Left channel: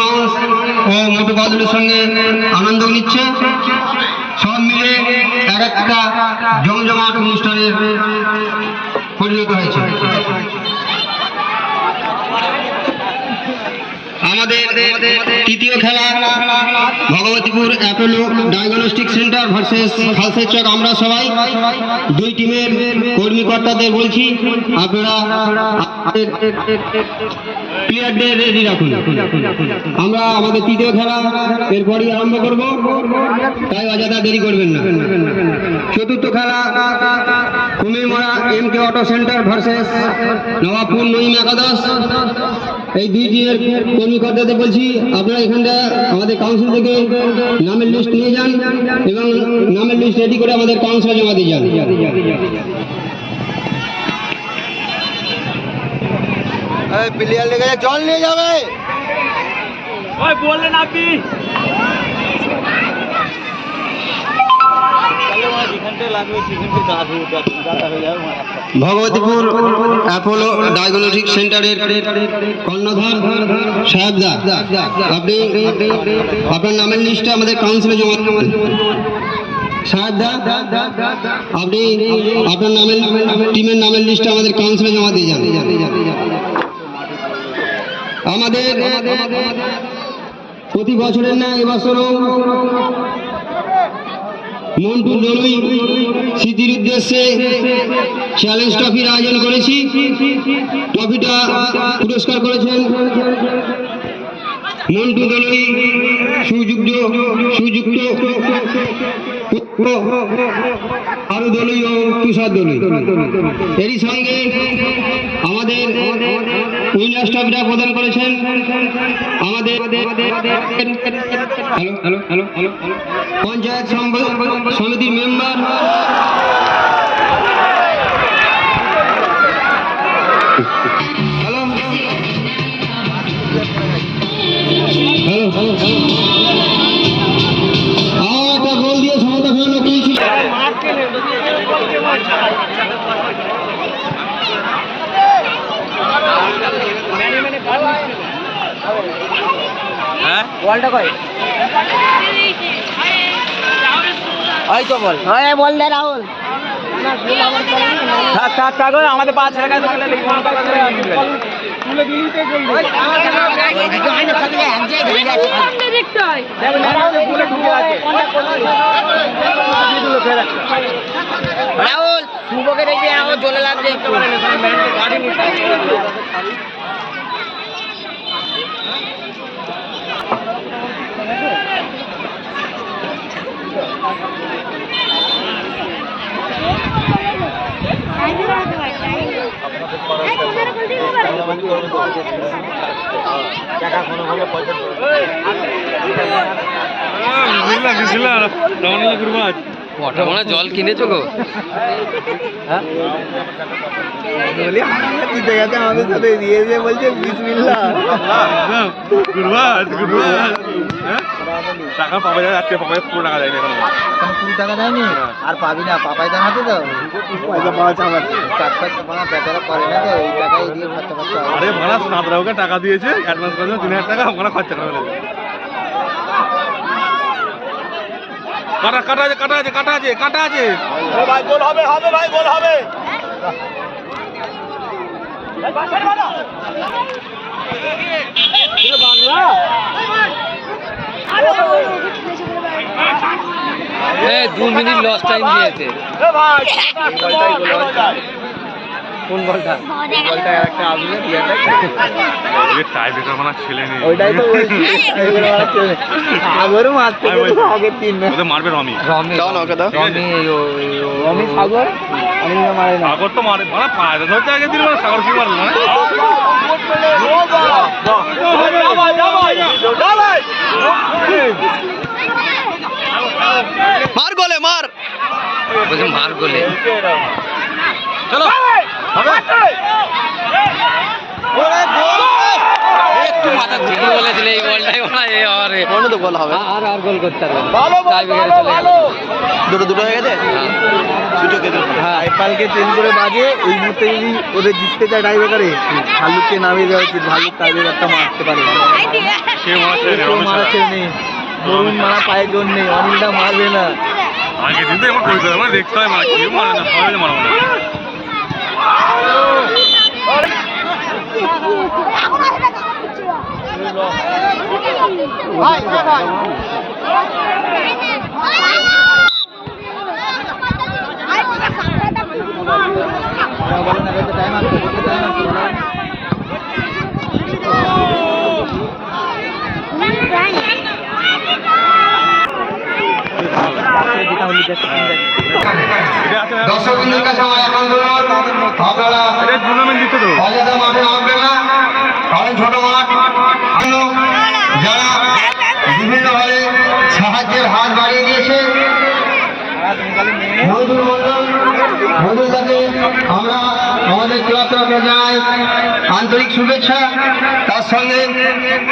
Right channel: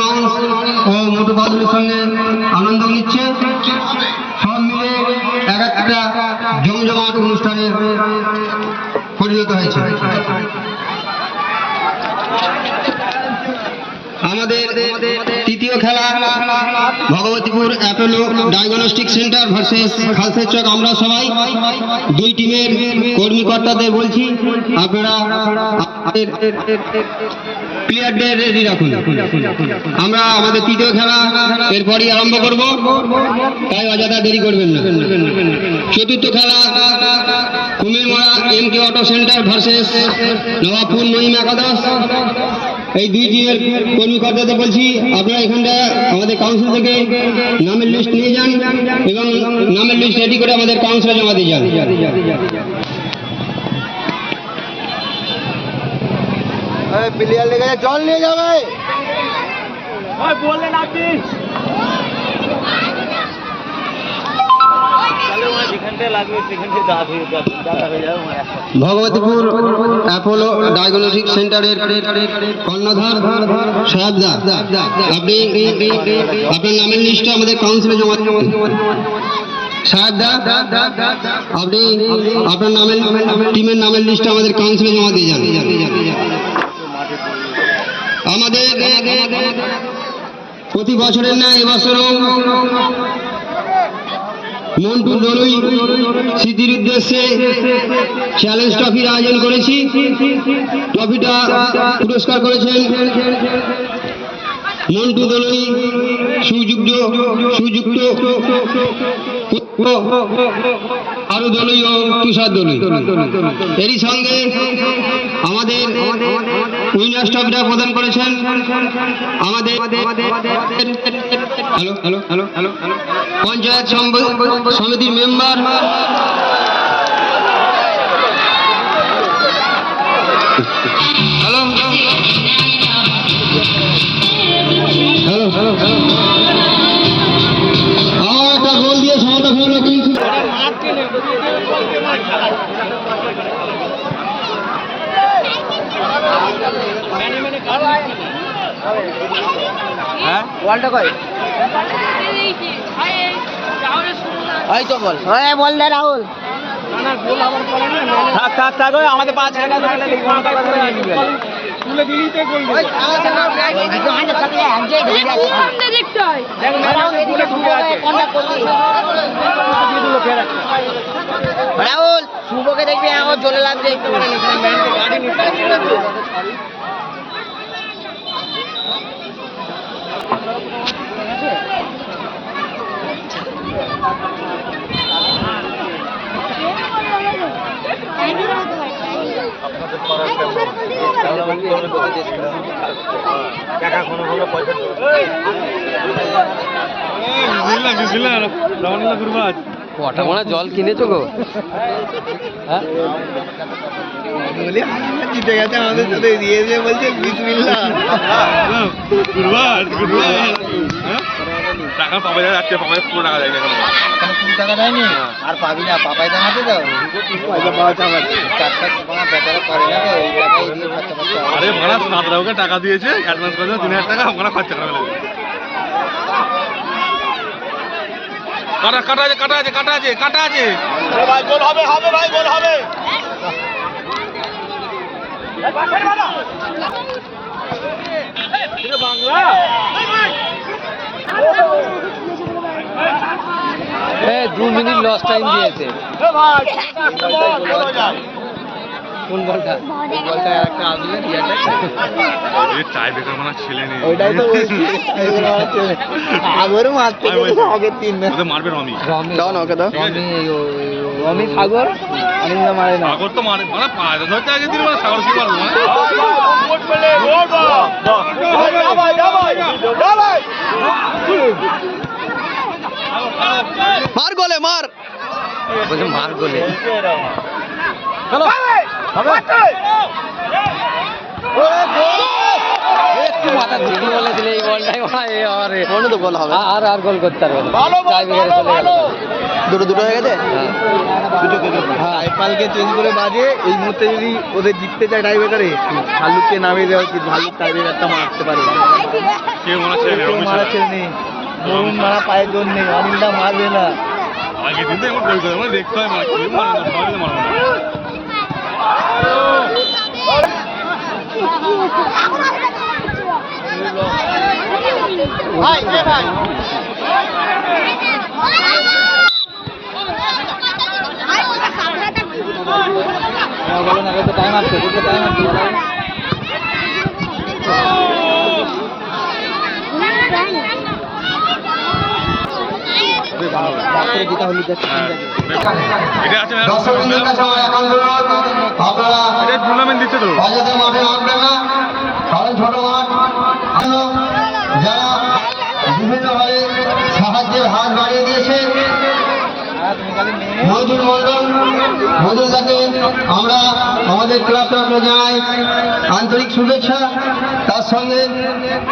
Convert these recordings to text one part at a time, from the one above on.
Mickey ও মোটু বাদুলের সঙ্গে আনন্দ নিচ্ছে। সব মিলে এক একটা জমজমাট অনুষ্ঠানে পরিণত হয়েছে। আমাদের তৃতীয় খেলা, Bhagabatipur Apollo diagnostic centre versus খালসের চক। আমরা সবাই দুই টিমের কর্মী কর্তাদের বলছি, আপনারা প্লেয়ারদের রেডি রাখুন। আমরা আমাদের তৃতীয় খেলা এরপরই আরম্ভ করব। তাই অযথা দেরি করবেন না। চতুর্থ খেলা Kumirmara M K auto centre versus Nawabpur Naim একাদশ। এই দুই টিমের কর্মী কর্তাদের বলছি আপনারা এখানটা আমাদের কাউন্সিল থেকে নামের লিস্ট নিয়ে যান এবং নামের লিস্ট রেডি করে আমাদের কাউন্সিলে জমা দিয়ে যান। প্লেয়ার লেগে জল নিয়ে যাবে। ভগবতীপুর অ্যাপোলো ডায়াগনস্টিক সেন্টারের কর্ণধার সাহেবদা। আপনি আপনার নামের লিস্টটা আমাদের কাউন্সিলে জমা সাহেবদা, আপনি আপনার নামের টিমের নামের লিস্টটা আমাদের কাউন্সিলে জমা দিয়ে যান। আমাদের প্রতি বছরের না এবছরও মন্টু দলুই স্মৃতির উদ্দেশ্যে চ্যালেঞ্জ ট্রফির আয়োজন করেছি। ট্রফিটা পুরস্কার করেছেন মন্টু দলুই সুযুক্ত সুযুক্ত আরু দলুই ও তুষার দলুই। এরই সঙ্গে আমাদের উইনার্স ট্রফিটা প্রদান করেছেন। আমাদের hello hello hello hello panchayat সমিতির member. Hello hello. Hello hello আমার একটা গোল দিয়ে সমতা ফেলল তো বল। হ্যাঁ বল দে রাহুল। থাক থাক থাক আমাদের পাঁচ টাকা থাকলে কোনো টাকা ধরে নিয়ে নিবে সামনে দেখতে হয় রাহুল শুভকে দেখবি আমার চলে লাগছে একটু। কটা মনে জল কিনেছো গো হ্যাঁ? জিতে গেছে আমাদের সাথে দিয়ে দিয়ে বলছে বিসমিল্লাহ। টাকা পাওয়া যায় আজকে পাওয়া পুরো টাকা যায় এখন। কুড়ি টাকা দেয়নি? আর পাবি না পাপাই আছে তো। আরে ভাড়া টাকা দিয়েছে অ্যাডভান্স করে তিন হাজার টাকা ওখানে খরচা করে কাটা কাটা আছে কাটা আছে কাটা আছে কাটা আছে। ভাই গোল হবে হবে ভাই গোল হবে। দু মিনিট লস টাইম দিয়েছে কোন বলটা বলটা একটা আমিও দিয়ে দেয় চার বেটা ছেলে নেই। ওইটাই তো বলছি। ওইগুলো আমার ছেলে। সাগরও মারতে গেছে আগে তিন ওদের মারবে রমি। রমি। দাও না ওকে দাও। রমি ও- ও- সাগর? আমি মারে না। সাগর তো মারে মানে পায়ে ধরতে আগে দিল সাগর কি মারবে মার গোলে মার। বলছে মার গোলে। চলো। আর। তো গোল হবে। আর আর গোল করতে পারবে দুটো দুটো হয়ে গেছে? হ্যাঁ। চেঞ্জ করে বাজে এই মুহূর্তে যদি ওদের জিততে চায় ব্রেকারে ভালুককে নামিয়ে দেওয়া উচিত। ভালুক তাদের একটা মারতে পারে। নেই। বরুণ মারা পায়ে জোর নেই। মারবে না। আগে দেখতে হয় বলো না টাইম আসছে টাইম আসছে যেটা হলি আছে দর্শকদের কাছে আমার অনুরোধ, আপনারা অযথা মাঠে নামবেন না। কারণ ছোট মাঠ। যারা বিভিন্নভাবে সাহায্যের হাত বাড়িয়ে দিয়েছে। মজুর মন্ডল মজুরদাকে আমরা, আমাদের ক্লাব তরফে আন্তরিক শুভেচ্ছা। তার সঙ্গে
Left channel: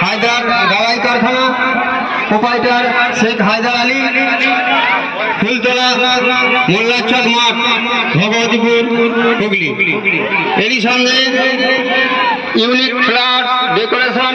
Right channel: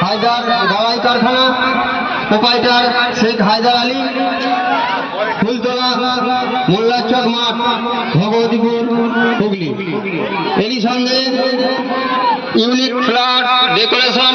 হায়দার গাড়াই কারখানা প্রোপাইটার শেখ হায়দার আলী, ফুলতলা, মোল্লাচক মাঠ, ভগবতীপুর, হুগলি। এরই সঙ্গে ইউনিক ফ্ল্যাট, ডেকোরেশন